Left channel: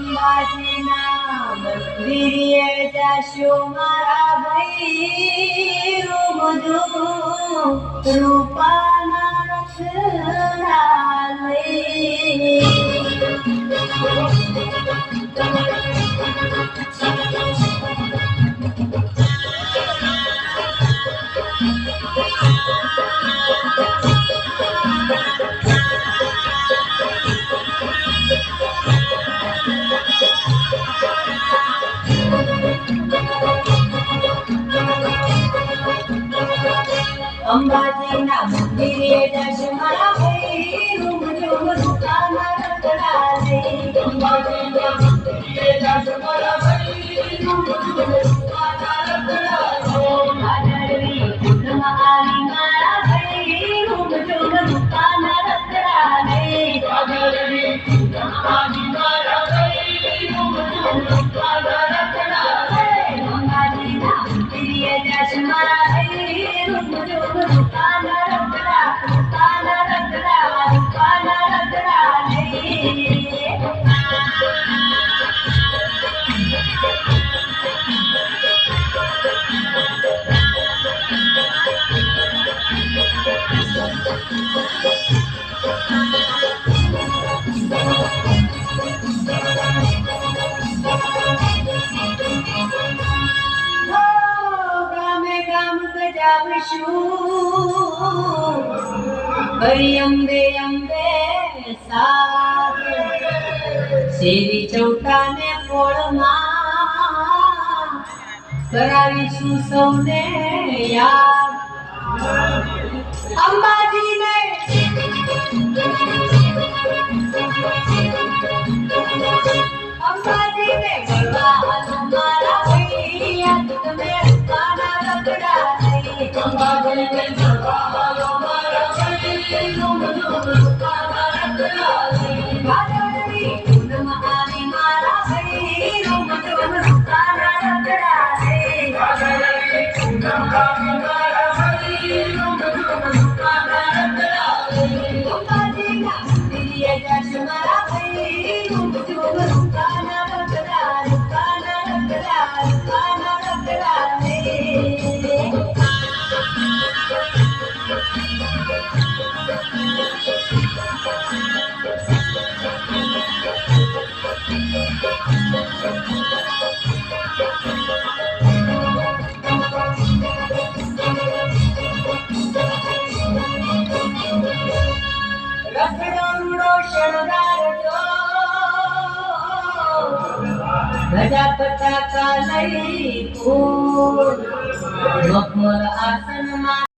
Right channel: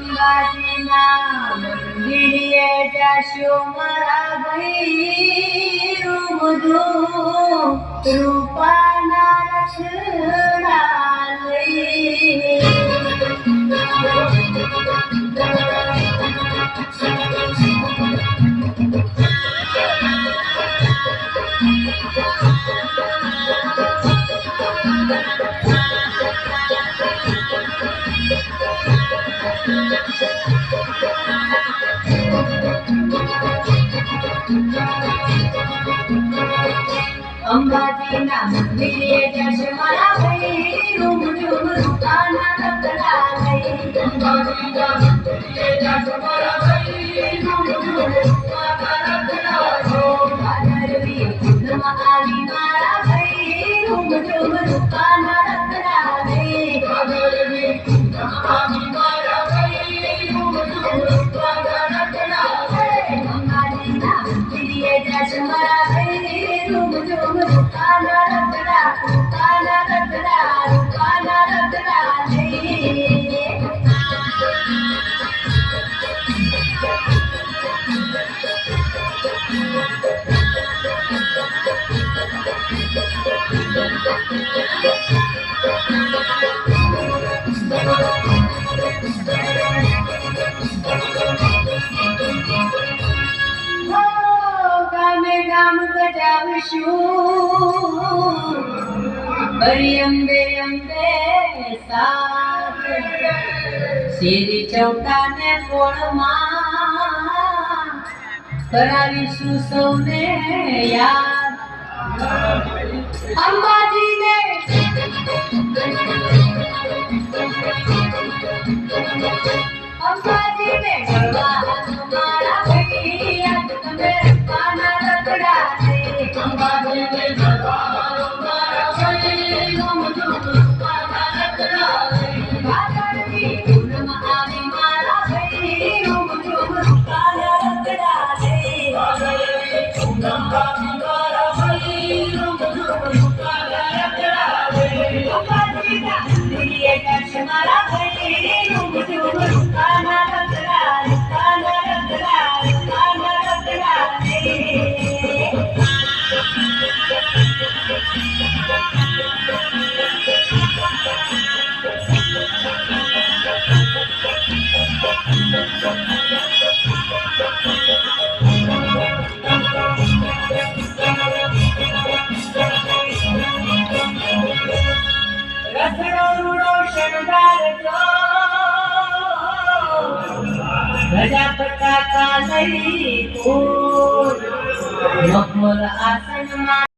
અંબાજીના મંદિરે જાશો મારા ભાઈ રૂપાના રખડા લઈને અંબાજીના મંદિરે જશે મારા ભાઈ રૂપાના રખડા લઈને અંબાજીના મંદિરે જશે મારા ભાઈ રૂપાના રખડા લઈને ભાદરવી પૂનમમાં આવી મારા ભાઈ રૂપાના રખડા લઈને ભાદરવી પૂનમમાં આવી મારા ભાઈ રૂપાના રખડા લઈને અંબાજીના મંદિરે જશે મારા ભાઈ રૂપાના રખડા લઈને ગામે ગામ ગજાવીશું હરિ અંબે અંબે સાધ શેરી ચૌટાને કોળમાં કરાવીશું સૌને યાદ અંબાજીને ગરબા મારા ભાઈ આજ તમે રૂપાના રખડા લઈને અંબાજીને ગરબા મારા ભાઈ રૂપાના રખડા લઈને ભાદરવી પૂનમમાં આવી મારા ભાઈ રૂપાના રખડા લઈને ભાદરવી પૂનમમાં આવી મારા ભાઈ રૂપાના રખડા લઈને અંબાજીના મંદિરે જશે મારા ભાઈ રૂપાના રખડા લઈને રથડો રૂડો શણગારજો ધજા પતાકા લઈ ફૂલ મખમલ આસનમાં